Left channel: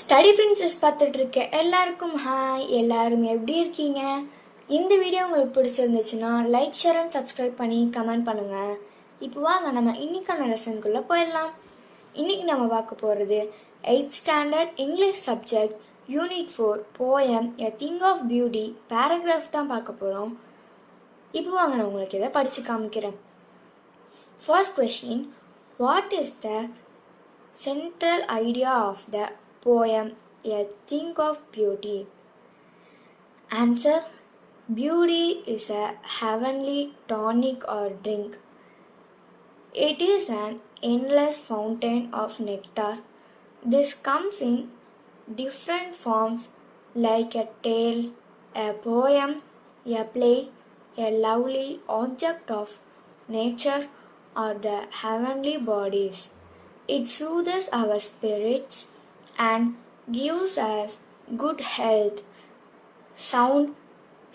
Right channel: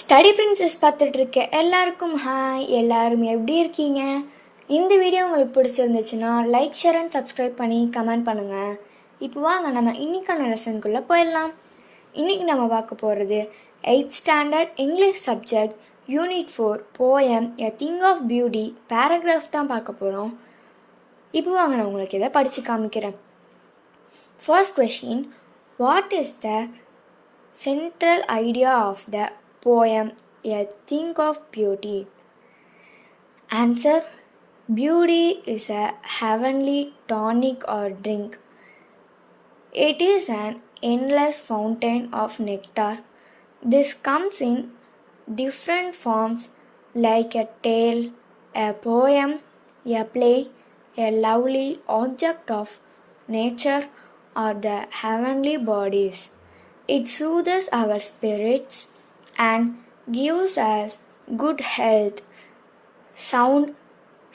Study princess பார்த்துட்டு இருக்க எல்லாருக்கும் ஹாய். எல்லாரும் எப்படி இருக்கீங்க? இந்த வீடியோ உங்களுக்கு பிடிச்சிருந்துச்சுன்னா லைக், ஷேர் அண்ட் சப்ஸ்கிரைப் பண்ணி கமெண்ட் பண்ணுங்கள். இப்போ வாங்க நம்ம இன்னைக்கான லெசனுக்குள்ளே போயிடலாம். இன்றைக்கி நம்ம பார்க்க போகிறது 8th standard English subject unit 4 poem a thing of beauty paragraph தான் பார்க்க போகிறோம். இப்போ வாங்க நான் உங்களுக்கு இதை படித்து காமிக்கிறேன். First question, what is the central idea of the poem A Thing of Beauty? Answer: beauty is a heavenly tonic or drink. It is an endless fountain of nectar. This comes in different forms like a tale, a poem, a play, a lovely object of nature, or the heavenly bodies. It soothes our spirits and gives us good health, sound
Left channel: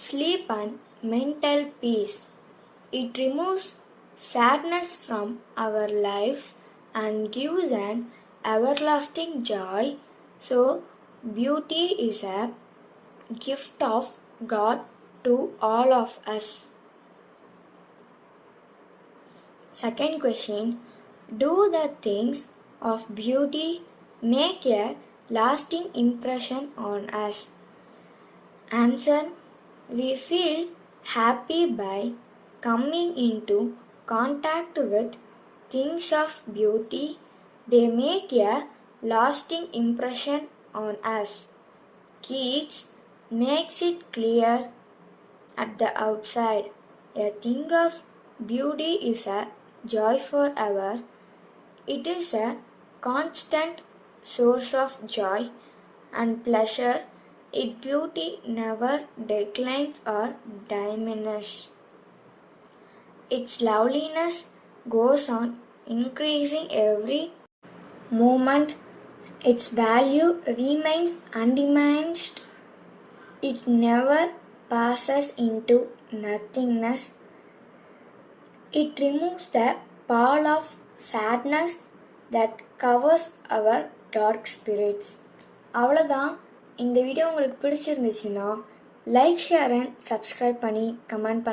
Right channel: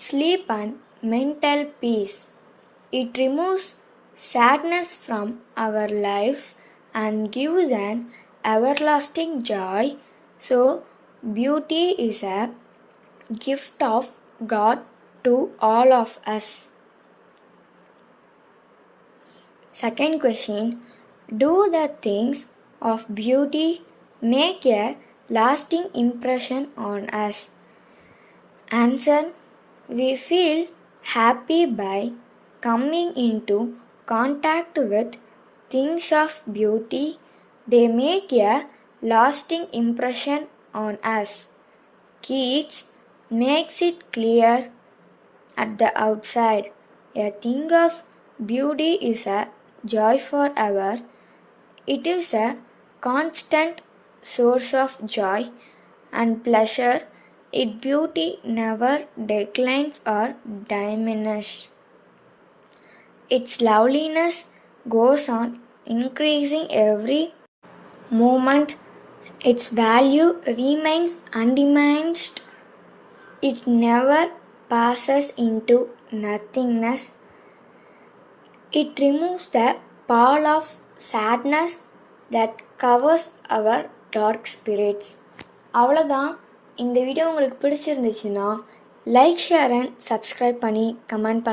sleep and mental peace. It removes sadness from our lives and gives an everlasting joy. So, beauty is a gift of God to all of us. Second question, do the things of beauty make a lasting impression on us? Answer: we feel happy by coming into contact with things of beauty. They make a lasting impression on us. Keats makes it clear at the outside, a thing of beauty is a joy forever. It is a constant source of joy and pleasure. Its beauty never declines or diminishes. Its loveliness goes on increasing every moment. Its value remains undiminished. It never passes into nothingness. It removes the pall of sadness that covers our dark spirits. அவ்வளோதான். இந்த வீடியோ உங்களுக்கு பிடிச்சிருந்துச்சுன்னா like, share and subscribe பண்ணி கமெண்ட் பண்ண